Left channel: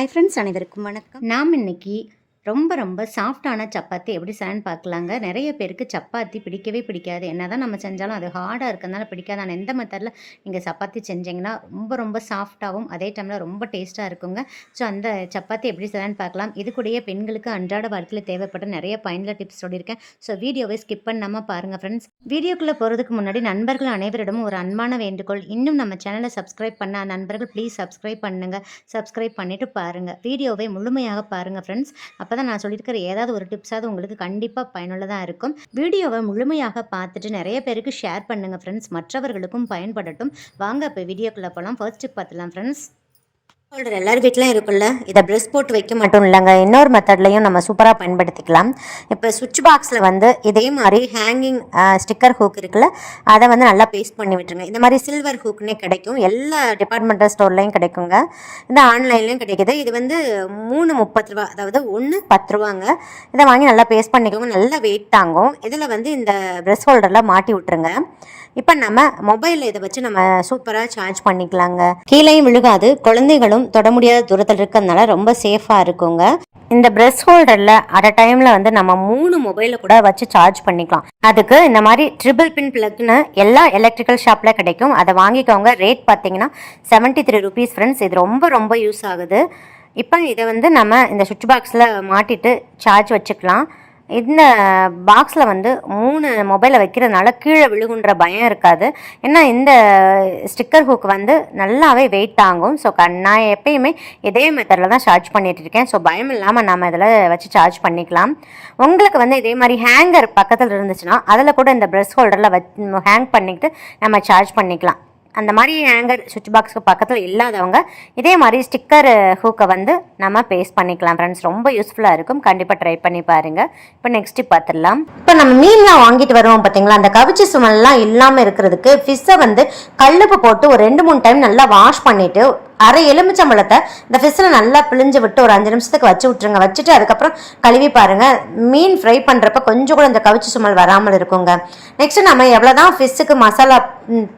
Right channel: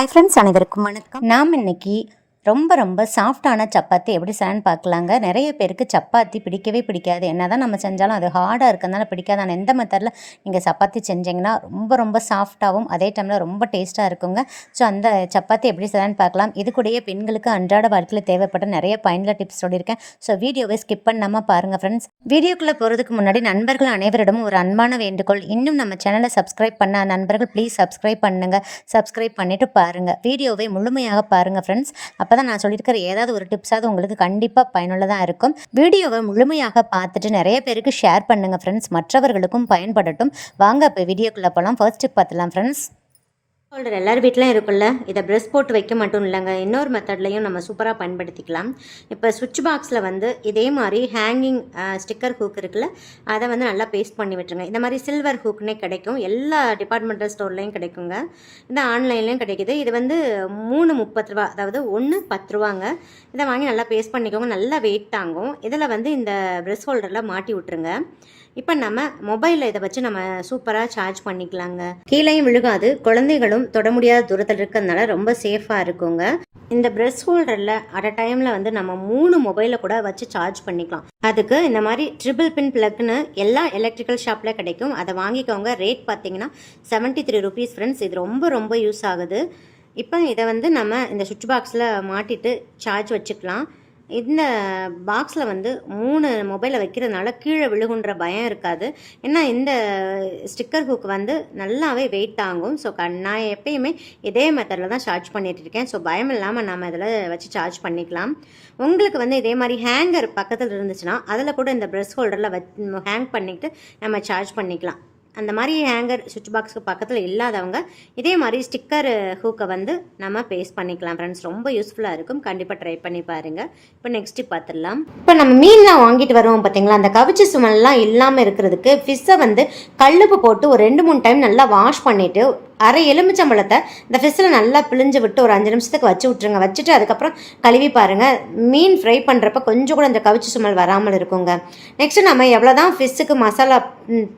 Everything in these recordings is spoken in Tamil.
ஹாய் ஃப்ரெண்ட்ஸ் அனைவருக்கும் வணக்கம். நாம் இன்னைக்கு ரொம்ப ரொம்ப சாஃப்டான சப்பாத்தி எப்படி செய்யன்னு பார்க்கலாங்க. நிறைய பேருக்கு சப்பாத்தி பிடிக்கவே பிடிக்காது. என்ன தான் நம்ம செஞ்சாலும் அது ஹார்டாக இருக்கிறதுனால பிடிக்காது. ஆனால் எந்த மெத்தடில் நீங்கள் சப்பாத்தி செஞ்சீங்கன்னா ரொம்ப ரொம்ப சாஃப்டாகவும் அதே டைமில் ரொம்ப டேஸ்ட்டாக இருக்குங்க. ஸோ அந்த சப்பாத்தி எப்படி செய்யலான்னு பார்க்கலாம். இது கூடயே பெண்களுக்கு அன்றாட வாழ்க்கையில் தேவைப்பட்ட நிறைய பயனுள்ள டிப்ஸ் சொல்லியிருக்கேன். ஸோ வீடியோவை ஸ்கிப் பண்ணாமல் பாருங்கள் ஃப்ரெண்ட்ஸ் வீடியோக்குள்ளே போகிறதுக்கு முன்னாடி நண்பர்கள் அனைவரிடமும் ஒரு அன்பான வேண்டுகோள். இன்னும் நம்ம சேனலை சப்ஸ்கிரைப் பண்ண நண்பர்கள் ப்ளீஸ் சப்ஸ்கிரைப் பண்ணுங்கள் சப்ஸ்கிரைப் பண்ணிவிட்டு பாருங்கள் வீடியோவை முழுமையாக பாருங்கள் ஃப்ரெண்ட்ஸ் அப்போ தான் நான் சொல்லியிருக்கிற ஏதாவது ஒரு டிப்ஸாவது உங்களுக்கு கண்டிப்பாக பயனுள்ளதாக இருக்கும். வீடியோவை முழுமையாக பார்த்துட்டு நிறைய பேருக்கு ஷேர் பண்ணுங்கள் ஃப்ரெண்ட்ஸ் மற்றவர்களுக்கும் பயன்படட்டும். வாங்க இப்போ வீடியோக்குள்ளே போகலாம் ஃபர்ஸ்ட் டிப் பார்த்துலாம் ஃப்ரெண்ட்ஸ் ஹோல்டர் எல்லார் வீட்லையும் இருக்குல்ல இதை ப்ரெஸ் போட்டு வைக்க மட்டும் இல்லைங்க. இன்னொரு மெத்தட்லையும் நம்ம சூப்பராக பயன்படுத்திக்கலாம். இப்போ சுவிட்ச் பாக்ஸில் வந்து இதே மாதிரி ஹேங்கிங் ஸ்டிக்கர் ஹூக் இருக்குல்ல அதை வந்து நல்லா பேஸ்ட் பண்ணி விட்டுருங்க. இந்த மாதிரி சில்வர் ஹூக்னே கிடைக்கும். எல்லா டிபார்ட்மெண்டல் ஸ்டோர்லையும் கிடைக்குங்க. இந்த ஆன்லைன்லேயும் கிடைக்குது. இது வந்து மூணு முப்பது ரூபா அதாவது ஒன்று பத்து ரூபாங்க. இதை வாங்கி நல்லா பேஸ்ட் பண்ணிக்கோங்க. நல்லா வெயிட் தாங்கும். இதில் வந்து இந்த ப்ரெஸ் ஹோல்டரில் மாட்டி விட்டுருங்க. இப்போ நம்ம மொபைலில் இதை வச்சு நம்ம சூப்பராக சார்ஜ் பண்ணிக்கலாங்க. கீழேயும் விழுகாது. குழந்தைகளும் தொட முடியாத தூரத்தில் இருக்கிறதுனால ரொம்ப சேஃபாக இருக்குங்க. இந்த ப்ரெஸ் ஹோல்டரில் அட் அ டைமில் வந்து நம்ம மூணு மொபைலை கூட வச்சு சார்ஜ் பண்ணிக்கலாம். அதுக்கு இந்த மாதிரி ட்ரிபிள் பின் பிளக்னு எல்லா எலக்ட்ரிக்கல் ஷாப்பில் கிடைக்கும். அதை வாங்கிக்கோங்க. ரேட் பார்த்தீங்கன்னா செவன்ட்டி த்ரீ ருபீஸ் ஃப்ரெண்ட்ஸ் இது ரொம்ப ரொம்ப யூஸ் ஆகுது. இப்போ இதை வந்து நம்ம இந்த சுவிட்ச் பாக்ஸில் மாட்டிட்டு சார்ஜ் வச்சுக்கலாம். இந்த பாக்ஸில் வந்து மூணு மொபைலை வைக்கிறதுனால கீழே விழுகுன்ற பயம் இருக்காது. ஏன்னா இந்த ஸ்டிக்கர் ஹூக் வந்து நல்லாவே வெயிட் தாங்கும். ஸோ நான் எப்பயுமே இதே மெத்தடில் தான் சார்ஜ் பண்ணிகிட்டு இருக்கேன். ஸோ பயம் இல்லாமல் நம்ம இதில் வச்சு சார்ஜ் பண்ணிக்கலாம். உங்களுக்கு வந்து இதே மாதிரி ஹேங்கர் பக்கத்தில் இருந்துச்சுன்னா அதில் கூட இந்த ப்ரெஸ் ஹோல்டரில் வச் ஹேங் பண்ணிக்கிட்டு நம்ம சார்ஜ் பண்ணிக்கலாம். அந்த மாதிரி ஹேங்கர் சுவிட்ச் பாக்ஸ்க்கு பக்கத்தில் இல்லாதவங்க இதே மாதிரி ஸ்டிக்கர் ஹூக்கை வந்து நம்ம பேஸ்ட் பண்ணிக்கலாம் ஃப்ரெண்ட்ஸ் ரொம்ப யூஸ்ஃபுல்லாக இருக்கும். கண்டிப்பாக ட்ரை பண்ணி பாருங்கள் இப்போ நெக்ஸ்ட்டு பார்த்துடலாம் இப்போ நம்ம மீன்லாம் வாங்கிட்டு வருவோம் பார்த்தீங்களா அந்த கவிச்சி சுமல்லாம் இல்லாமல் இருக்கிறதுக்கு ஃபிஷ்ஷை வந்து கல்லுப்பு போட்டு ஒரு ரெண்டு மூணு டைம் நல்லா வாஷ் பண்ணிவிட்டு அரை எலுமிச்சம்பழத்தை இந்த ஃபிஷ்ஷில் நல்லா பிழிஞ்சு விட்டு ஒரு அஞ்சு நிமிஷத்துக்கு வச்சு விட்ருங்க வச்சுட்டு அதுக்கப்புறம் கழுவி பாருங்கள் மீன் ஃப்ரை பண்ணுறப்ப கொஞ்சம் கூட இந்த கவிச்சி சுமல் வராமல் இருக்குங்க. நெக்ஸ்ட் நம்ம எவ்வளோ தான் ஃபிஷ்ஷுக்கு மசாலா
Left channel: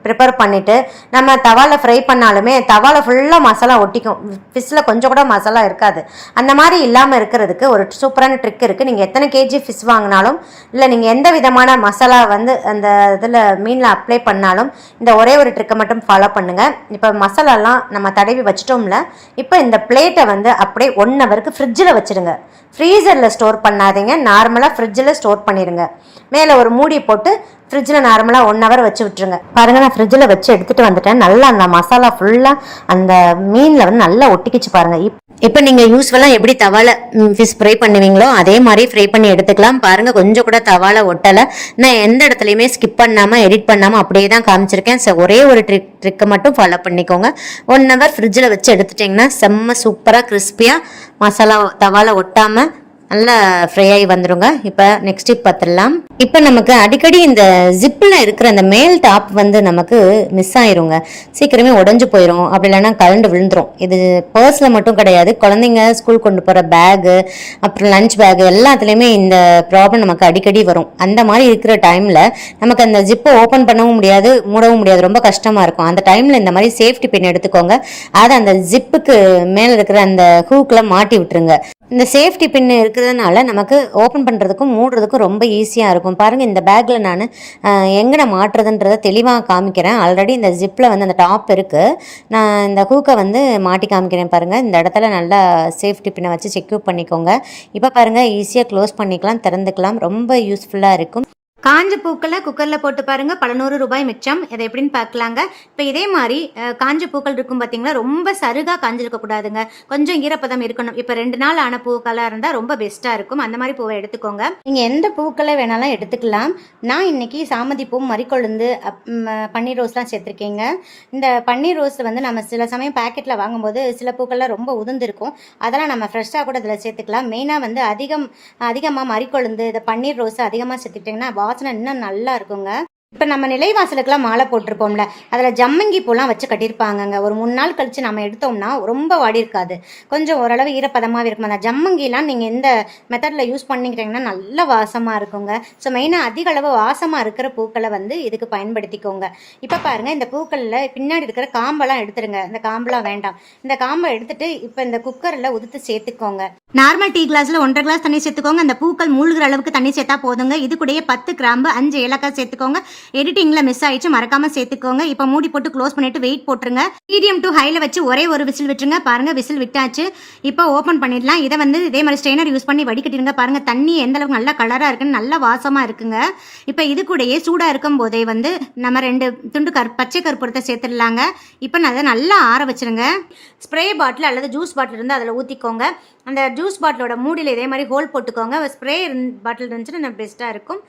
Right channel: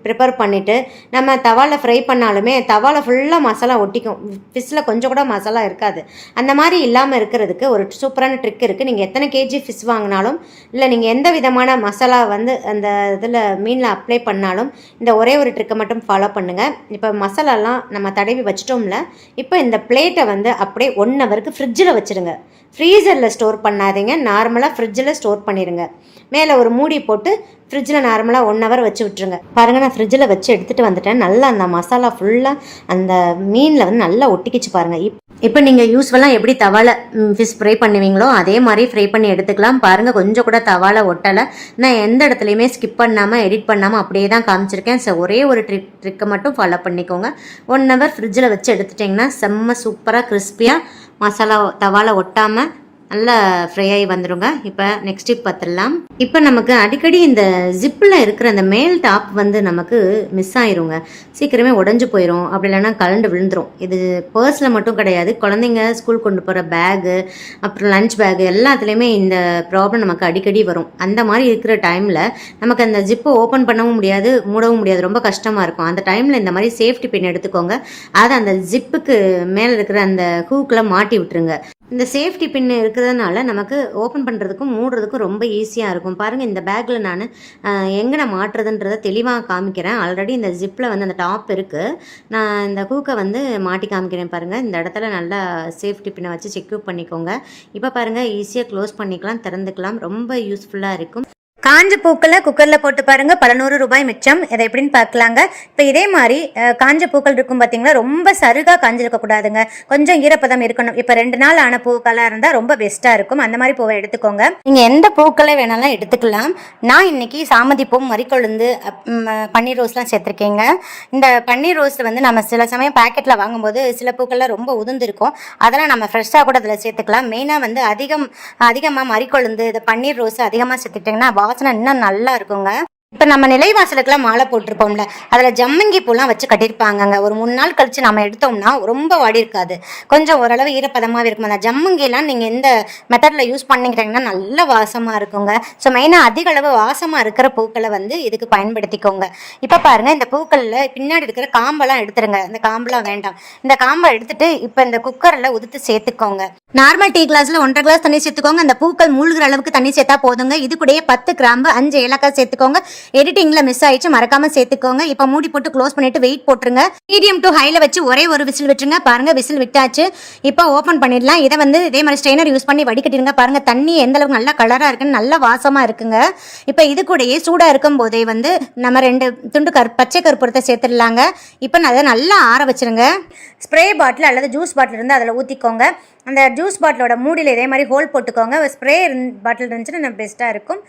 ப்ரிப்பேர் பண்ணிவிட்டு நம்ம தவாவில் ஃப்ரை பண்ணாலுமே தவாவில் ஃபுல்லாக மசாலா ஒட்டிக்கும். ஃபிஷ்ஷில் கொஞ்சம் கூட மசாலா இருக்காது. அந்த மாதிரி இல்லாமல் இருக்கிறதுக்கு ஒரு சூப்பரான ட்ரிக் இருக்குது நீங்கள் எத்தனை கேஜி ஃபிஷ் வாங்கினாலும் இல்லை நீங்கள் எந்த விதமான மசாலா வந்து அந்த இதில் மீனில் அப்ளை பண்ணாலும் இந்த ஒரே ஒரு ட்ரிக்கை மட்டும் ஃபாலோ பண்ணுங்கள் இப்போ மசாலாலாம் நம்ம தடவி வச்சிட்டோம்ல இப்போ இந்த பிளேட்டை வந்து அப்படியே ஒன் ஹவருக்கு ஃப்ரிட்ஜில் வச்சுருங்க. ஃப்ரீசரில் ஸ்டோர் பண்ணாதீங்க. நார்மலாக ஃப்ரிட்ஜில் ஸ்டோர் பண்ணிடுங்க மேலே ஒரு மூடி போட்டு ஃப்ரிட்ஜில் நார்மலாக ஒன் ஹவர் வச்சு விட்டுருங்க. பாருங்க நான் ஃப்ரிட்ஜில் வச்சு எடுத்துகிட்டு வந்துட்டேன். நல்லா அந்த மசாலா ஃபுல்லாக அந்த மீனில் வந்து நல்லா ஒட்டிக்கிச்சு பாருங்க. இப் இப்போ நீங்கள் யூஸ்ஃபுல்லாக எப்படி தவால ஃபிஷ் ஃப்ரை பண்ணுவீங்களோ அதே மாதிரி ஃப்ரை பண்ணி எடுத்துக்கலாம். பாருங்கள் கொஞ்சம் கூட தவால ஒட்டலை. நான் எந்த இடத்துலையுமே ஸ்கிப் பண்ணாமல் எடிட் பண்ணாமல் அப்படியே தான் காமிச்சிருக்கேன். ஸோ ஒரே ஒரு ட்ரிக் ட்ரிக்கை மட்டும் ஃபாலோ பண்ணிக்கோங்க. ஒன் ஹவர் ஃப்ரிட்ஜில் வச்சு எடுத்துட்டிங்கன்னா செம்ம சூப்பராக கிறிஸ்பியாக மசாலா தவால ஒட்டாமல் நல்லா ஃப்ரை ஆகி வந்துருங்க. இப்போ நெக்ஸ்ட் டிப் பார்த்துடலாம். இப்போ நமக்கு அடிக்கடி இந்த ஜிப்பில் இருக்கிற அந்த மேல் டாப் வந்து நமக்கு மிஸ் ஆயிருங்க. சீக்கிரமே உடஞ்சு போயிடும் அப்படி இல்லைன்னா கலண்டு விழுந்துரும். இது பர்ஸில் மட்டும் கிடையாது. குழந்தைங்க ஸ்கூல் கொண்டு போகிற பேகு அப்புறம் லஞ்ச் பேகு எல்லாத்துலேயுமே இந்த ப்ராப்ளம் நமக்கு அடிக்கடி வரும். அந்த மாதிரி இருக்கிற டைமில் நமக்கு அந்த ஜிப்பை ஓப்பன் பண்ணவும் முடியாது மூடவும் முடியாது. ரொம்ப கஷ்டமாக இருக்கும். அந்த டைமில் இந்த மாதிரி சேஃப்டி பின் எடுத்துக்கோங்க. அதை அந்த ஜிப்புக்கு மேலே இருக்கிற அந்த ஹூக்கில் மாட்டி விட்டுருங்க. இந்த சேஃப்டி பின் இருக்கிறதுனால நமக்கு ஓப்பன் பண்ணுறதுக்கும் மூடுறதுக்கும் ரொம்ப ஈஸியாக இருக்கும். பாருங்கள் இந்த பேக்கில் நான் எங்கே மாட்டுறதுன்றதை தெளிவாக காமிக்கிறேன். ஆல்ரெடி இந்த ஜிப்பில் வந்து அந்த டாப் இருக்குது நான் இந்த ஹூக்கை வந்து மாட்டி காமிக்கிறேன் பாருங்கள் இந்த இடத்துல நல்லா சேஃப்டி பின்னை வச்சு செக்யூர் பண்ணிக்கோங்க. இப்போ பாருங்கள் ஈஸியாக க்ளோஸ் பண்ணிக்கலாம் திறந்துக்கலாம். ரொம்ப யூஸ்ஃபுல்லாக இருக்கும். காஞ்ச பூக்களை குக்கரில் போட்டு பாருங்கள் பல நூறு ரூபாய் மிச்சம். இதை எப்படின்னு பார்க்கலாங்க. இப்போ இதே மாதிரி காஞ்ச பூக்கள் இருக்கும் பார்த்தீங்களா ரொம்ப சருகாக காஞ்சிருக்கக்கூடாதுங்க கொஞ்சம் ஈரப்பதம் இருக்கணும். இப்போ ரெண்டு நாள் ஆன பூக்களாக இருந்தால் ரொம்ப பெஸ்ட்டாக இருக்கும். அந்த மாதிரி பூவை எடுத்துக்கோங்க. நீங்கள் எந்த பூக்களை வேணாலும் எடுத்துக்கலாம். நான் இன்றைக்கி சாமதி பூ மறிக்கொழுந்து பன்னீர் ரோஸ்லாம் சேர்த்துருக்கேங்க. இந்த பன்னீர் ரோஸ் வந்து நம்ம சில சமயம் பாக்கெட்டில் வாங்கும்போது சில பூக்கள்லாம் ரொம்ப உதிர்ந்துருக்கும். அதெல்லாம் நம்ம ஃப்ரெஷ்ஷாக கூட அதில் சேர்த்துக்கலாம். மெயினாக வந்து அதிகம் அதிகமாக மறிக்கொழுந்து இந்த பன்னீர் ரோஸ் அதிகமாக சேர்த்துக்கிட்டிங்கன்னா வாசனை இன்னும் நல்லா இருக்குங்க. இப்போ நம்ம நிலைவாசலுக்குலாம் மாலை போட்டிருப்போம்ல அதில் ஜம்மங்கி பூலாம் வச்சு கட்டியிருப்பாங்கங்க. ஒரு மூணு நாள் கழித்து நம்ம எடுத்தோம்னா ரொம்ப வாடி இருக்காது. கொஞ்சம் ஓரளவு ஈரப்பதமாகவே இருக்கும். அந்த ஜம்மங்கிலாம் நீங்கள் எந்த மெத்தடில் யூஸ் பண்ணிக்கிட்டீங்கன்னா நல்ல வாசமாக இருக்குங்க. ஸோ மெயினாக அதிக அளவு வாசமாக இருக்கிற பூக்களை வந்து இதுக்கு பயன்படுத்திக்கோங்க. இப்போ பாருங்கள் இந்த பூக்களில் பின்னாடி இருக்கிற காம்பெல்லாம் எடுத்துருங்க. இந்த காம்பெல்லாம் வேண்டாம். இந்த காம்பை எடுத்துட்டு இப்போ இந்த குக்கரில் உதுத்து சேர்த்துக்கோங்க. நார்மல் டீ கிளாஸில் ஒன்றரை கிளாஸ் தண்ணி சேர்த்துக்கோங்க. அந்த பூக்கள் மூழ்கிற அளவுக்கு தண்ணி சேர்த்தா போதுங்க. இது கூடயே பத்து கிராம்பு அஞ்சு ஏலக்காய் சேர்த்துக்கோங்க. எடிட்டிங்கில் மிஸ் ஆயிடுச்சு. மறக்காமல் சேர்த்துக்கோங்க. இப்போ மூடி போட்டு க்ளோஸ் பண்ணிட்டு வெயிட் போட்டுருங்க. மீடியம் டு ஹையில் வச்சு ஒரே ஒரு விசில் விட்டுருங்க. பாருங்கள் விசில் விட்டாச்சு. இப்போ ஓப்பன் பண்ணிடலாம். இதை வந்து இதே மாதிரி ஸ்ட்ரெயினர் யூஸ் பண்ணி வடிகட்டிடுங்க. பாருங்கள் தண்ணி எந்த அளவுக்கு நல்லா கலராக இருக்குன்னு நல்ல வாசமாக இருக்குங்க. இப்போ இது கூடயே சூடாக இருக்கும் போதே வந்து நம்ம ரெண்டு துண்டு கரு பச்சை கருப்பூரத்தை சேர்த்துடலாங்க. இப்போ நான் அதை நல்லா ஆற வச்சிருங்க. ஸ்ப்ரே பாட்டில் அல்லது ஜூஸ் பாட்டில் இருந்து அதில் ஊற்றிக்கோங்க அந்த ஜூஸ் பாட்டிலோட மூடியில் இதே மாதிரி ஹோல் போட்டுக்கோங்க. ஸ்ப்ரே பாட்டில் இருந்துச்சுன்னா பெஸ்ட்டாக இருக்கும்.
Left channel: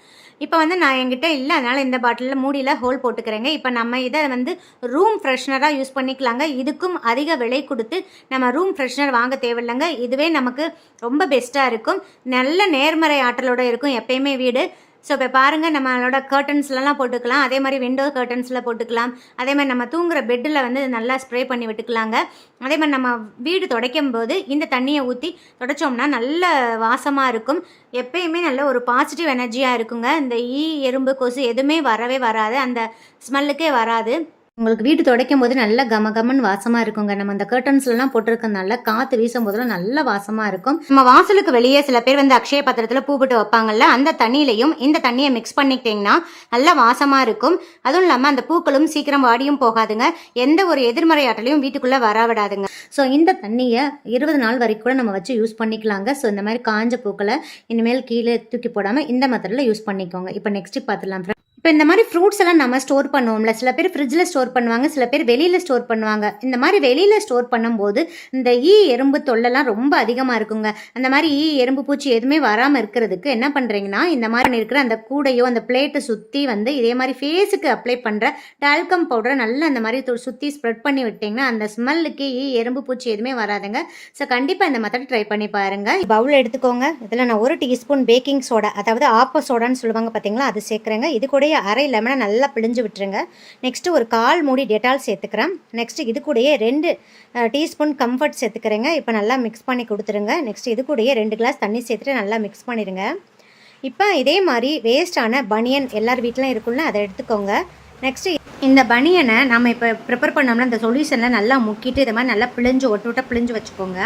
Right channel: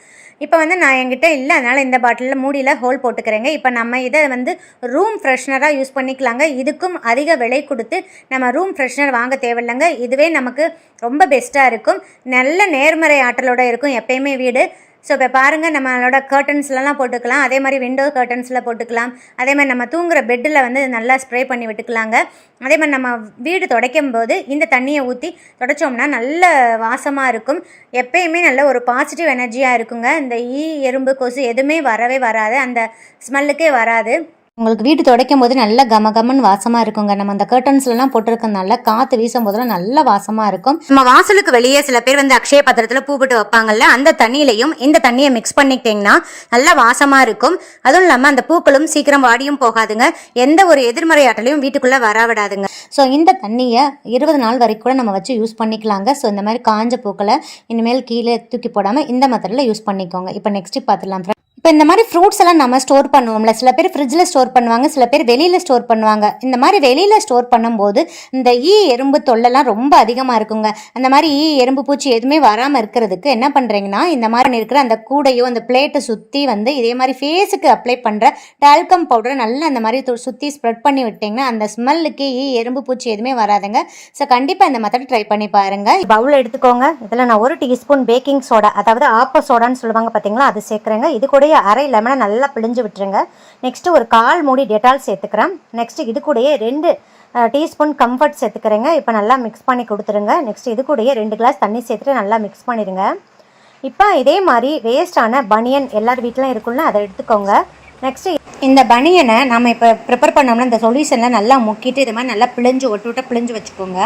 இப்போ வந்து நான் என்கிட்ட இல்லை அதனால் இந்த பாட்டிலில் மூடியில் ஹோல் போட்டுக்கிறேங்க. இப்போ நம்ம இதை வந்து ரூம் ஃப்ரெஷ்னராக யூஸ் பண்ணிக்கலாங்க. இதுக்கும் அதிக விலை கொடுத்து நம்ம ரூம் ஃப்ரெஷ்னர் வாங்க தேவையில்லைங்க. இதுவே நமக்கு ரொம்ப பெஸ்ட்டாக இருக்கும். நல்ல நேர்மறை ஆற்றலோட இருக்கும் எப்பயுமே வீடு. ஸோ இப்போ பாருங்கள் நம்மளோட கர்ட்டன்ஸ்லலாம் போட்டுக்கலாம். அதே மாதிரி விண்டோ கர்ட்டன்ஸில் போட்டுக்கலாம். அதே மாதிரி நம்ம தூங்குற பெட்டில் வந்து நல்லா ஸ்ப்ரே பண்ணி விட்டுக்கலாங்க. அதே மாதிரி நம்ம வீடு துடைக்கும் போது இந்த தண்ணியை ஊற்றி துடைச்சோம்னா நல்ல வாசமாக இருக்கும். எப்பயுமே நல்ல ஒரு பாசிட்டிவ் எனர்ஜியாக இருக்குங்க. இந்த ஈ எறும்பு கொசு எதுவுமே வரவே வராது. அந்த ஸ்மெல்லுக்கே வராது. உங்களுக்கு வீடு துடைக்கும் போது நல்ல கம கமன்னு வாசமாக இருக்குங்க. நம்ம அந்த கர்டன்ஸ்லாம் போட்டிருக்கனால காற்று வீசும் போதெல்லாம் நல்ல வாசமாக இருக்கும். நம்ம வாசலுக்கு வெளியே சில பேர் வந்து அக்ஷய பாத்திரத்தில் பூ போட்டு வைப்பாங்கல்ல அந்த தண்ணியிலையும் இந்த தண்ணியை மிக்ஸ் பண்ணிக்கிட்டிங்கன்னா நல்லா வாசமாக இருக்கும். அதுவும் இல்லாமல் அந்த பூக்களும் சீக்கிரம் வாடியும் போகாதுங்க. எந்த ஒரு எதிர்மறை ஆற்றலையும் வீட்டுக்குள்ளே வரவிடாதுங்க. ஸோ இந்த தண்ணியை இருபது நாள் வரைக்கும் கூட நம்ம வச்சு யூஸ் பண்ணிக்கலாங்க. ஸோ இந்த மாதிரி காஞ்ச பூக்களை இனிமேல் கீழே தூக்கி போடாமல் இந்த மெத்தடில் யூஸ் பண்ணிக்கோங்க. இப்போ நெக்ஸ்ட்டு பார்த்துலாம் இப்போ இந்த மாதிரி ஃப்ரூட்ஸ் எல்லாம் நம்ம ஸ்டோர் பண்ணுவோம்ல. சில பேர் ஃப்ரிட்ஜில் ஸ்டோர் பண்ணுவாங்க சில பேர் வெளியில் ஸ்டோர் பண்ணுவாங்க. இந்த மாதிரி வெளியில் ஸ்டோர் பண்ணும்போது இந்த ஈ எறும்பு தொல்லைலாம் ரொம்ப அதிகமாக இருக்குங்க. அந்த மாதிரி ஈ எறும்பு பூச்சி எதுவுமே வராமல் இருக்கிறதுக்கு என்ன பண்ணுறீங்கன்னா இந்த மாதிரி இருக்கிற அந்த கூடையோ அந்த பிளேட்டை சுற்றி வந்து இதே மாதிரி ஃபேஸுக்கு அப்ளை பண்ணுற டால்கம் பவுடரை நல்லா அந்த மாதிரி சுற்றி ஸ்ப்ரெட் பண்ணி விட்டிங்கன்னா அந்த ஸ்மெல்லுக்கு ஈ எறும்பு பூச்சி எதுவுமே வராதுங்க. ஸோ கண்டிப்பாக இந்த மெத்தட் ட்ரை பண்ணி பாருங்கள் பவுல் எடுத்துக்கோங்க. இதில் நான் ஒரு டீஸ்பூன் பேக்கிங் சோடா அதாவது ஆப்ப சோடான்னு சொல்லுவாங்க பார்த்தீங்களா அது சேர்க்குறேங்க. இது கூடயே அரை லெமனை நல்லா பிழிஞ்சு விட்டுருங்க. நெக்ஸ்ட்டு ஒரு கால் மூடி டெட்டால் சேர்த்துக்கிறேன். நெக்ஸ்ட்டு இது கூடயே ரெண்டு டீஸ்பூன் கம்ஃபர்ட் சேர்த்துக்கிறேங்க. இப்போ நல்லா மிக்ஸ் பண்ணி கொடுத்துருங்க. நெக்ஸ்ட் இது கூடயே ரெண்டு கிளாஸ் தண்ணி சேர்த்துட்டு நல்லா மிக்ஸ் பண்ணிடுங்க. இப்போ இதே மாதிரி வேஸ்டான பனியன் எல்லார் வீட்டிலும் இருக்குல்ல அதை எடுத்துக்கோங்க. நெக்ஸ்ட்டு இந்த பனியனை நம்ம இப்போ ப்ரிப்பேர் பண்ணோம்னா இந்த சொல்யூஷனில் நல்லா முக்கிட்டு இது மாதிரி நல்லா பிழிஞ்சு ஒட்டு விட்டு பிழிஞ்சு வச்சுக்கோங்க.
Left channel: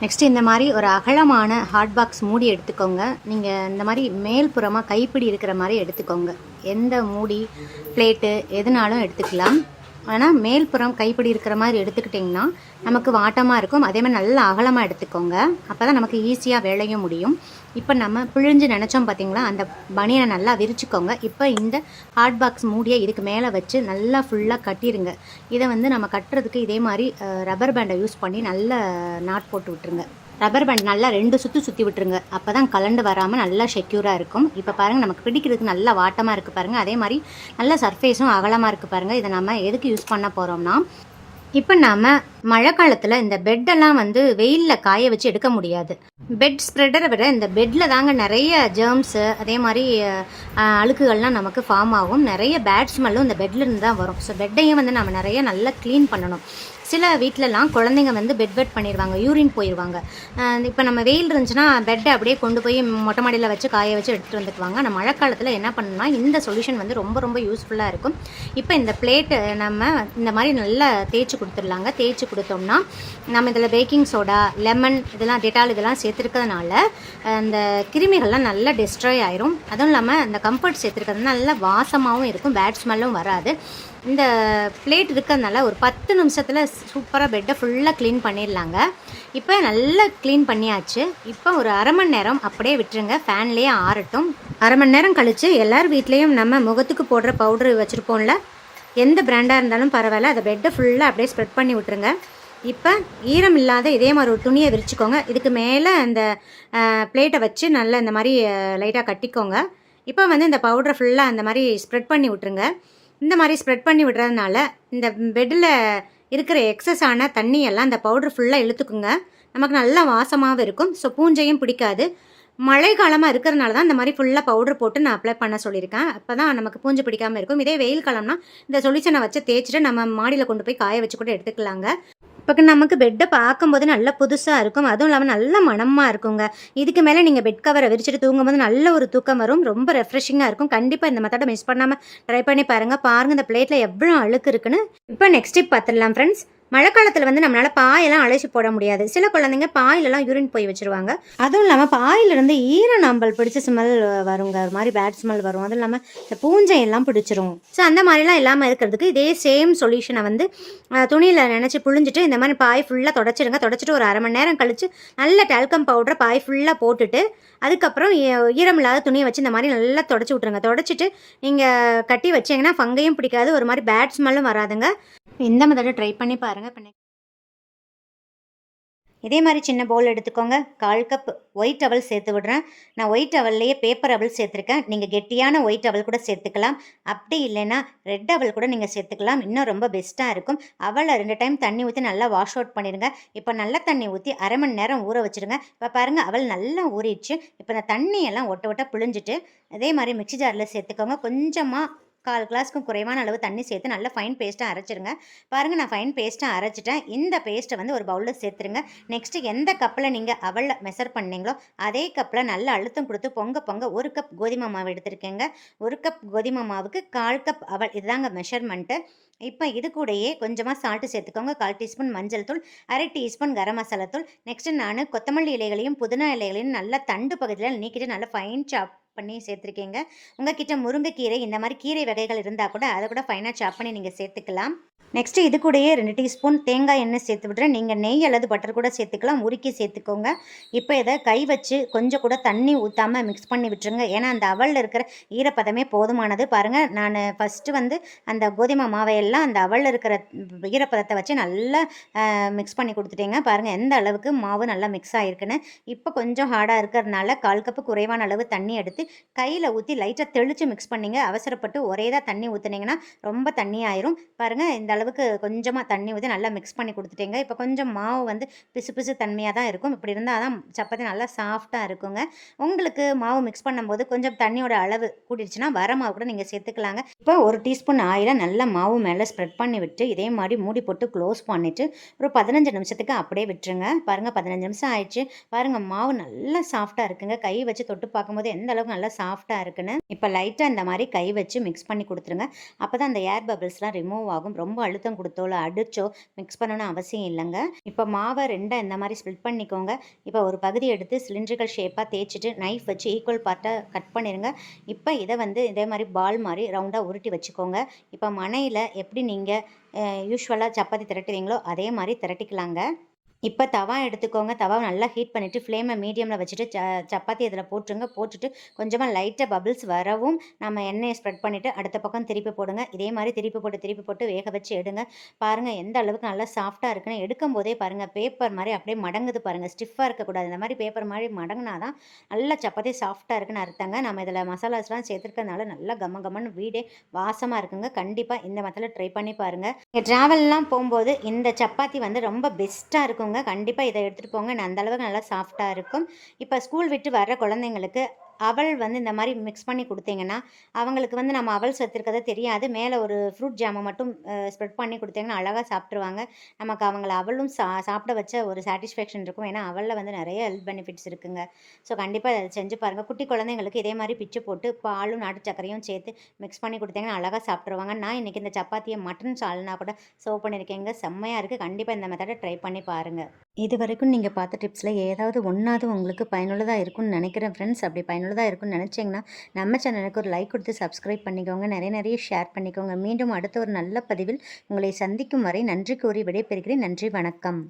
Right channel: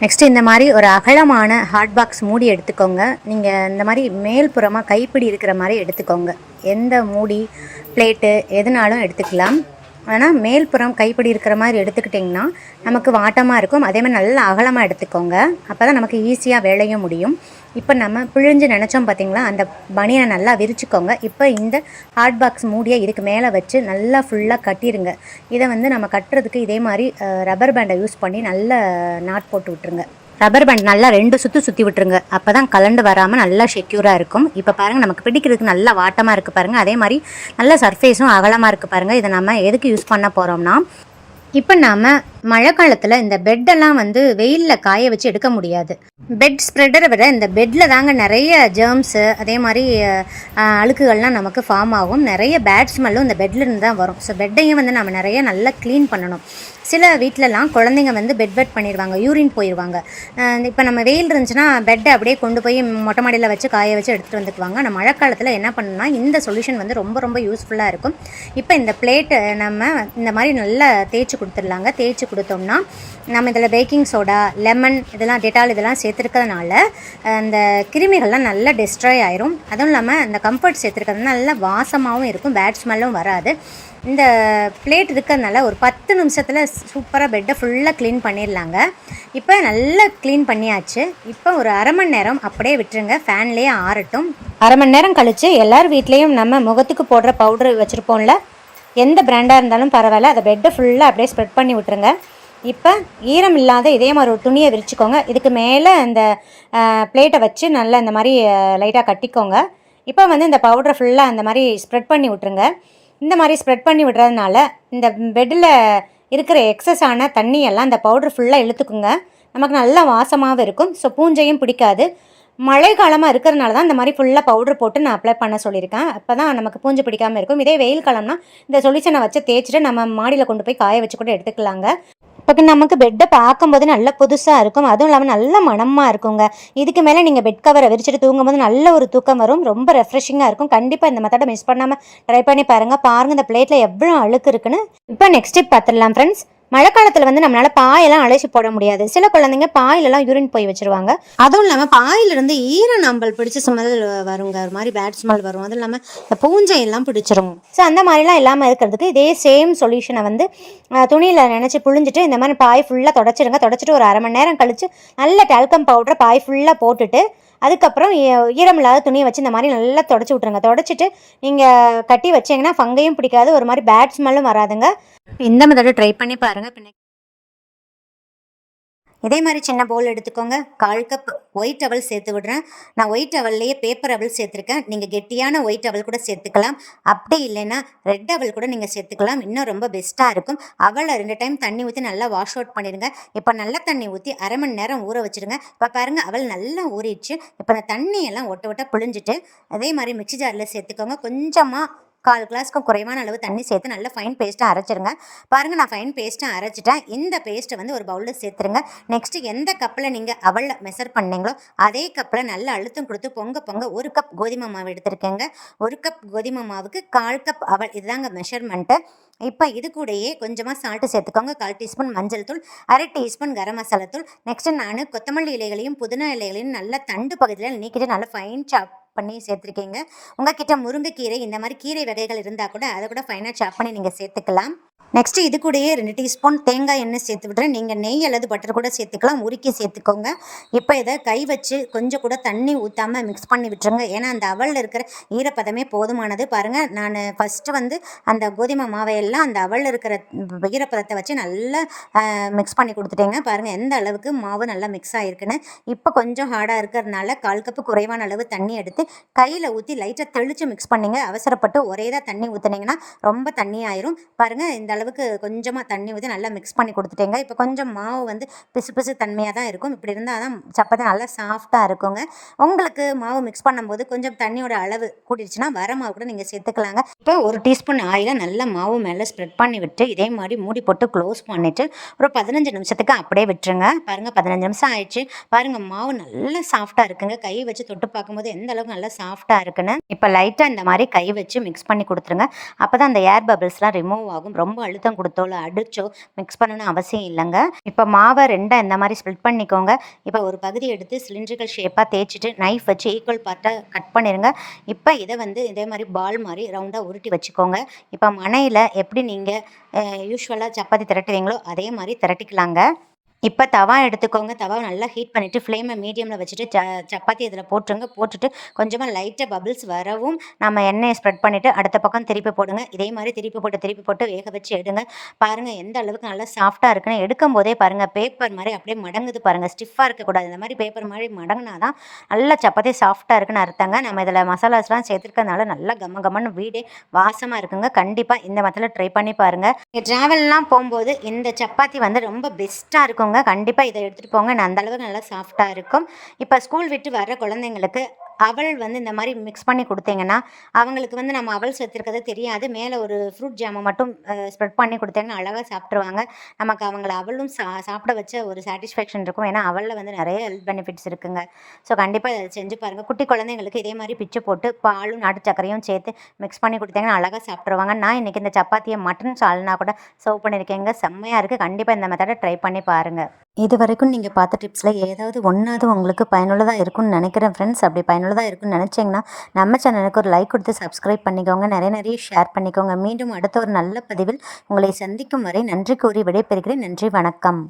நெக்ஸ்ட்டு இந்த மாதிரி ஒரு அகலமான ஹாட் பாக்ஸ் மூடி எடுத்துக்கோங்க. நீங்கள் இந்த மாதிரி மேல்புறமாக கைப்பிடி இருக்கிற மாதிரி எடுத்துக்கோங்க. எந்த மூடி பிளேட்டு எதுனாலும் எடுத்துக்கலாம். ஆனால் மேல்புறம் கைப்பிடி இருக்கிற மாதிரி எடுத்துக்கிட்டிங்கன்னா நமக்கு வாட்டமாக இருக்கும். அதே மாதிரி நல்லா அகலமாக எடுத்துக்கோங்க. அப்போ தான் நமக்கு ஈஸியாக வேலையும் முடியும். இப்போ நம்ம பிழிஞ்சு நினச்சோம் பார்த்தீங்களா அந்த பனியனை நல்லா விரிச்சுக்கோங்க. இப்போ இந்த ஹாட் பாக்ஸ் மூடியை இதுக்கு மேலே வச்சு நல்லா ஃபுல்லாக கட்டிடுங்க இதை வந்து நம்ம கட்டுறதுக்கு இதே மாதிரி ரப்பர் பேண்டை யூஸ் பண்ணி நல்ல நாட் போட்டு விட்டுருங்க. ரப்பர் பேண்ட் நல்லா ரெண்டு சுற்றி சுற்றி விட்டுருங்க. அப்போ தான் கலண்டு வராமல் நல்லா செக்யூராக இருக்கும். இப்போ பாருங்கள் நமக்கு பிடிக்கிறதுக்கு நல்லா வாட்டமாக இருக்குது பாருங்கள் அதே மாதிரி நல்ல சர்ஃபேஸும் அகலமாக இருக்குது பாருங்கள் இதை நம்ம எதுக்கு யூஸ் பண்ண போகிறோம்னா இப்போ நாம் மழை காலத்தில் இந்த பெட்டெல்லாம் வந்து வெயிலில் காய வச்சு எடுக்க முடியாது. பெட் ஸ்ப்ரெடரை விட இந்த பெட்டில் தாங்க நிறைய ஜேர்ம்ஸு அதே மாதிரி அழுக்குகள்லாம் நமக்கு ஃபார்ம் ஆகும். நிறைய பேட் ஸ்மெல்லும் இந்த பெட்லேருந்து தான் வரும். ஸோ பெட்டையும் வந்து நம்ம நிறைய நல்லா க்ளீன் பண்ணணும். சில வீட்டிலலாம் குழந்தைங்க வந்து பெட் வெட் பண்ணிடுவாங்க யூரின் போயிடுவாங்க இப்போ நம்ம வெயில் இருந்துச்சுன்னா பெட்டை அப்படியே கொண்டு போய் மொட்டை மாடியில் வச்சு காய வச்சு எடுத்துகிட்டு வந்துக்குவாங்க. ஆனால் மழை காலத்தில் என்ன பண்ணணும்னா இந்த சொல்யூஷன் வந்து ரொம்ப ரொம்ப யூஸ்ஃபுல்லாக இருக்கும். இப்போ இந்த பிளேட்டு நம்ம இந்த மாதிரி நல்லா தேய்ச்சி கொடுத்துடலாங்க. தேய்ச்சி கொடுத்தோம்னா நம்ம இதில் பேக்கிங் சோடா லெமன் இதெல்லாம் டெட்டால் இதெல்லாம் சேர்த்துருக்கிறதுனால அந்த கிருமிகள்லாம் நல்லா டெஸ்ட்ராய் ஆயிரும். அதுவும் இல்லாமல் அந்த கம்ஃபர்ட் சேர்த்துருக்கிறதுனால நல்லா வாசமாகவும் இருக்கும் பேட் ஸ்மெல்லும் வராது. இந்த பிளேட் இருக்கிறதுனால ஒரு பத்து நிமிஷத்தில் சூப்பராக பெட்டை ஃபுல்லாக க்ளீன் பண்ணிடலாங்க. இப்போ நல்லா க்ளீன் பண்ணியாச்சு. இப்போ ஒரு அரை மணி நேரம் அப்படியே விட்டுருங்க. ஃபேன்லேயே ஆறட்டும். அரை மணி நேரம் கழித்து எல்லார் வீட்லேயும் நம்ம முகத்துக்கு போடுற பவுடர் வச்சுருப்போம்ல எந்த பிராண்டாக இருந்தாலும் பரவாயில்ல. அதை பெட்டை ஃபுல்லாக அப்படியே ஸ்ப்ரெட் பண்ணி விட்டுருங்க. இப்போ ஈரம் இல்லாத இதே மாதிரி ஒரு துணியை விரிச்சுக்கோங்க. இதுக்கு மேலே அந்த பிளேட்டை வச்சு நல்லா இந்த மாதிரி லைட்டாக கட்டிக்கோங்க. இப்போ வந்து இந்த பவுடரை ஃபுல்லாக அந்த மாதிரி ஸ்ப்ரெட் பண்ணி விட்டுருங்க. இந்த மாதிரி ஸ்ப்ரெட் பண்ணி விடுறதுனால இந்த பெட்டில் இருக்கிற எக்ஸஸ் ஆன தண்ணியெல்லாம் அந்த பவுடர் ஃபுல்லாக இழுத்துக்குங்க. நமக்கு நல்லா வாசமாகவும் இருக்கும். ஸோ பூஞ்சையும் பிடிக்காது. மழை காலமாக இருக்கிறதுனால தான் இந்த மாதிரி ஃபுல்லாக பவுடர் போட்டு நான் அப்ளை பண்ண சொல்லியிருக்கேன். அப்போ தான் நமக்கு பூஞ்சு பிடிக்காமல் இருக்கும். இதே வெயில் காலம்னா இந்த சொல்யூஷனை வச்சு தேய்ச்சிட்டு நம்ம மாடியில் கொண்டு போய் காய வச்சு கூட எடுத்துக்கலாங்க. இப்போ நமக்கு பெட்டை பார்க்கும்போது நல்ல புதுசாக இருக்கும். அதுவும் இல்லாமல் நல்ல மணமாக இருக்குங்க. இதுக்கு மேலே நீங்கள் பெட் கவரை விரிச்சிட்டு தூங்கும்போது நல்ல ஒரு தூக்கம் வரும். ரொம்ப ரெஃப்ரெஷிங்காக இருக்கும். கண்டிப்பாக இந்த மெத்தடை மிஸ் பண்ணாமல் ட்ரை பண்ணி பாருங்கள் பாருங்கள் இந்த பிளேட்டில் எவ்வளோ அழுக்கு இருக்குன்னு. இப்போ நெக்ஸ்ட் டிப் பார்த்துடலாம் ஃப்ரெண்ட்ஸ் மழை காலத்தில் வந்து நம்மளால பாயெல்லாம் அழைச்சி போட முடியாது. சில குழந்தைங்க பாயிலெல்லாம் யூரின் போய் வச்சிருவாங்க. அதுவும் இல்லாமல் பாயிலிருந்து ஈர நம்பல் பிடிச்ச ஸ்மெல் வருங்க. ஒரு மாதிரி பேட் ஸ்மெல் வரும். அதுவும் இல்லாமல் இந்த பூஞ்சை எல்லாம் பிடிச்சிரும். ஸோ அந்த மாதிரிலாம் இல்லாமல் இருக்கிறதுக்கு இதே சேம் சொல்யூஷனை வந்து துணியில் நினச்சி புழிஞ்சிட்டு இந்த மாதிரி பாய் ஃபுல்லாக தொடச்சிருங்க. தொடச்சிட்டு ஒரு அரை மணி நேரம் கழித்து நல்ல டால்கம் பவுடரை பாய் ஃபுல்லாக போட்டுட்டு அதுக்கப்புறம் ஈரமில்லாத துணியை வச்சு இந்த மாதிரி நல்லா தொடச்சி விட்ருங்க தொடச்சிட்டு நீங்கள் கட்டி வச்சீங்கன்னா ஃபங்கையும் பிடிக்காது. ஒரு மாதிரி பேட் ஸ்மெல்லும் வராதுங்க. இந்த மெத்தடை ட்ரை பண்ணி பாருங்கள் பின்ன இதே மாதிரி சின்ன பவுல் எடுத்துக்கோங்க. கால் கப் ஒயிட் அவல் சேர்த்து விடுறேன். நான் ஒயிட் அவல்லையே பேப்பர் அவல் சேர்த்துருக்கேன். நீங்கள் கெட்டியான ஒயிட் அவல் கூட சேர்த்துக்கலாம். அப்படி இல்லைன்னா ரெட் அவல் கூட நீங்கள் சேர்த்துக்கலாம். இன்னும் ரொம்ப பெஸ்ட்டாக இருக்கும். அவலை ரெண்டு டைம் தண்ணி ஊற்றி நல்லா வாஷ் அவுட் பண்ணிடுங்க. இப்போ நல்ல தண்ணி ஊற்றி அரை மணி நேரம் ஊற வச்சுருங்க. இப்போ பாருங்கள் அவல் நல்லா ஊறிடுச்சு. இப்போ அந்த தண்ணியெல்லாம் ஒட்ட ஒட்ட புழிஞ்சிட்டு அதே மாதிரி மிக்சி ஜாரில் சேர்த்துக்கோங்க. கொஞ்சமாக கால் கிளாஸ்க்கும் குறைவான அளவு தண்ணி சேர்த்து நல்லா ஃபைன் பேஸ்ட்டாக அரைச்சிருங்க. பாருங்கள் நான் ஃபைன் பேஸ்ட்டாக அரைச்சிட்டேன். இந்த பேஸ்ட்டை வந்து ஒரு பவுலில் சேர்த்துருங்க. நெக்ஸ்ட்டு எந்த கப்பில் நீங்கள் அவளில் மெஷர் பண்ணீங்களோ அதே கப்பில் நல்ல அழுத்தம் கொடுத்து பொங்க பொங்க ஒரு கப் கோதுமை மாவு எடுத்திருக்கேங்க. ஒரு கப் கோதுமை மாவுக்கு கால் கப் அவள் இதுதாங்க மெஷர்மெண்ட்டு இப்போ இது கூடயே கொஞ்சமாக சால்ட்டு சேர்த்துக்கோங்க. கால் டீஸ்பூன் மஞ்சள் தூள் அரை டீஸ்பூன் கரம் மசாலா தூள். நெக்ஸ்ட்டு நான் கொத்தமல்லி இலைகளையும் புதினா இலைகளையும் நல்லா தண்டு பகுதியில் நீக்கிட்டு நல்லா ஃபைன் சாப் பண்ணி சேர்த்துருக்கீங்க. உங்ககிட்ட முருங்கைக்கீரை இந்த மாதிரி கீரை வகைகள் இருந்தால் கூட அதை கூட ஃபைனாக சாப் பண்ணி நீங்கள் சேர்த்துக்கலாம். நெக்ஸ்ட்டு இது கூடயே ரெண்டு டீஸ்பூன் தேங்காய் எண்ணெய் சேர்த்து விட்றேன் நீங்கள் நெய் அல்லது பட்டர் கூட சேர்த்துக்கலாம். உருக்கி சேர்த்துக்கோங்க. இப்போ இதை கை வச்சு கொஞ்சம் கூட தண்ணி ஊற்றாமல் மிக்ஸ் பண்ணி விட்டுருங்க. ஏன்னா அந்த அவலில் இருக்கிற ஈரப்பதமே போதுமானது. பாருங்கள் நான் ஃபஸ்ட்டு வந்து அந்த கோதுமை மாவையெல்லாம் அந்த அவலில் இருக்கிற ஈரப்பதத்தை வச்சு நல்லா மிக்ஸ் பண்ணி கொடுத்துட்டேங்க. பாருங்கள் எந்த அளவுக்கு மாவு நல்லா மிக்ஸ் ஆகிருக்குன்னு இப்போ கொஞ்சம் ஹார்டாக இருக்கிறதுனால கால் கப்பு குறைவான அளவு தண்ணி எடுத்து கையில் ஊற்றி லைட்டாக தெளித்து மிக்ஸ் பண்ணிங்க. அவசரப்பட்டு ஒரே தான் தண்ணி ஊற்றுனீங்கன்னா ரொம்ப தண்ணி ஆயிரும். பாருங்கள் இந்த அளவுக்கு கொஞ்சமாக தண்ணி ஊற்றி நல்லா மிக்ஸ் பண்ணி கொடுத்துட்டேங்க. இப்போ கொஞ்சம் மாவு வந்து பிசு பிசு தன்மையாக தான் இருக்கும். இப்படி இருந்தால் தான் சப்பாத்தி நல்லா சாஃப்டாக இருக்குங்க. உங்களுக்கு மாவு மிக்ஸ் பண்ணும்போது கொஞ்சம் தண்ணியோட அளவு கூட்டிடுச்சுன்னா வர மாவு கூட நீங்கள் சேர்த்துக்கலாங்க. இப்போ ஒரு டீஸ்பூன் ஆயிலை நல்லா மாவு மேலே ஸ்ப்ரெட் பண்ணி விட்டு இதே மாதிரி மூடி போட்டு க்ளோஸ் பண்ணிவிட்டு ஒரு பதினஞ்சு நிமிஷத்துக்கு அப்படியே விட்டுருங்க. பாருங்கள் பதினஞ்சு நிமிஷம் ஆயிடுச்சு. பாருங்கள் மாவு நல்லா சாஃப்டாக இருக்குங்க. கை வச்சு தொட்டு பார்க்கும்போது எந்த அளவுக்கு நல்லா சாஃப்டாக இருக்குன்னு. இப்போ லைட்டாக இந்த மாதிரி கை வச்சு மிக்ஸ் பண்ணி கொடுத்துருங்க. அப்போ தான் அந்த ஏர் பபிள்ஸ்லாம் ரிமூவ் ஆகும். ரொம்ப அழுத்தம் கொடுத்தோ இல்லை அடித்தோ மிக்ஸ் பண்ணணும்னு அவசியம் இல்லைங்க. இப்போ மாவை ரெண்டாக இந்த மாதிரி ஸ்ப்ளிட் பண்ணிக்கோங்க. இப்போ ஒரு பகுதி எடுத்து சிலிண்ட்ரிக்கல் ஷேப்பாக தேய்ச்சிட்டு நைஃப் வச்சு ஈக்குவல் பார்ட்டாக கட் பண்ணிடுங்க இப்போ இதை வந்து இதே மாதிரி பால் மாதிரி ரவுண்டாக உருட்டி வச்சுக்கோங்க. இப்போ மனையில் எப்படி நீங்கள் யூஸ்வலாக சப்பாத்தி திரட்டுவீங்களோ அதே மாதிரி திரட்டிக்கலாங்க. இப்போ தவா எடுத்துக்கோங்க. தவா நல்லா ஹீட் பண்ணிவிட்டு ஃப்ளேமை மீடியமில் வச்சுட்டு ச சப்பாத்தி இதில் போட்டுருங்க. போட்டுட்டு கொஞ்சமாக லைட்டாக பபிள்ஸ் வரவும் நம்ம எண்ணெயை ஸ்ப்ரெட் பண்ணிவிட்டு அடுத்த பக்கம் திருப்பி போடுங்க. இதே மாதிரி திருப்பி போட்டு திருப்பி போட்டு வேக வச்சு எடுங்க. பாருங்கள் எந்த அளவுக்கு நல்லா சாஃப்டாக இருக்குன்னு எடுக்கும் போதே பாருங்கள் பேப்பர் மாதிரி அப்படியே மடங்குது பாருங்கள் ஸ்டிஃபாக இருக்கக்கூடாது. இந்த மாதிரி பேப்பர் மாதிரி மடங்கினா தான் நல்லா சப்பாத்தி சாஃப்டாக இருக்குன்னு அர்த்தங்க. நம்ம இதில் மசாலாஸ்லாம் சேர்த்துருக்கறனால நல்லா கம்ம கம்மன்னு வீடே வாசமாக இருக்குங்க. கண்டிப்பாக இந்த மத்தில் ட்ரை பண்ணி பாருங்கள் நீங்கள் ட்ராவல்லாம் போகும்போது இந்த சப்பாத்தி வந்து ரொம்ப பெஸ்ட்டாக இருக்கும் எடுத்துக்கோங்க. கண்டிப்பாக இதை எடுத்துகிட்டு போங்க. நான் அந்த அளவுக்கு நல்லா சாஃப்டாக இருக்கும். இப்போ ஸ்கூல் விட்டு வர குழந்தைங்களுக்கு அவள் வந்து இந்த மாதிரி மிக்ஸ் பண்ணி கொடுத்தீங்கன்னா அவங்களுக்கு வந்து நம்ம அவள் சேர்த்துருக்கதே தெரியாது. மேலே ஒரு ஃப்ரூட் ஜாமை மட்டும் ஸ்ப்ரெட் பண்ணி கொடுத்தீங்கன்னா அழகாக சாப்பிட்ருவாங்க நமக்கு அவங்கள அவளும் சா சாப்பிட வச்ச ஒரு சாட்டிஸ்ஃபேக்ஷன் இருக்கும். ஏன்னா அவளில் வந்து நிறைய ஹெல்த் பெனிஃபிட்ஸ் இருக்குங்க. ஸோ கண்டிப்பாக அதை செஞ்சு பாருங்கள் குட்டி குழந்தைங்களுக்கு இதே மாதிரி பிச்சு போட்டு பாலும் நாட்டு சர்க்கரையும் சேர்த்து மிக்ஸ் பண்ணி கொடுத்தீங்கன்னா அழகாக சாப்பிட்ருவாங்க நான் இன்றைக்கி இந்த சப்பாத்தியை மட்டன் சால்னா கூட சர்வ் பண்ணியிருக்கேங்க. செம்மையாக இருக்குது கண்டிப்பாக இந்த மெத்தடை ட்ரை பண்ணி பாருங்கள் இது வரைக்கும் நீங்கள் பார்த்த டிப்ஸில் ஏதாவது ஒன்றாவது உங்களுக்கு பயனுள்ளதாக இருக்கும்னு நினைக்கிறேன் ஃப்ரெண்ட்ஸ் அப்படி பயனுள்ளதாக இருக்கும்னு நினச்சிங்கன்னா நம்ம சேனலுக்கு ஒரு லைக் கொடுத்து சப்ஸ்கிரைப் பண்ணிக்கோங்க. நிறைய நிறைய ஷேர் பண்ணிக்கோங்க. மீண்டும் அடுத்த ஒரு நல்ல பதிவில் உங்களை சந்திக்கும் வரை நன்றி கூறி விடைபெறுகிறேன். நன்றி வணக்கம்.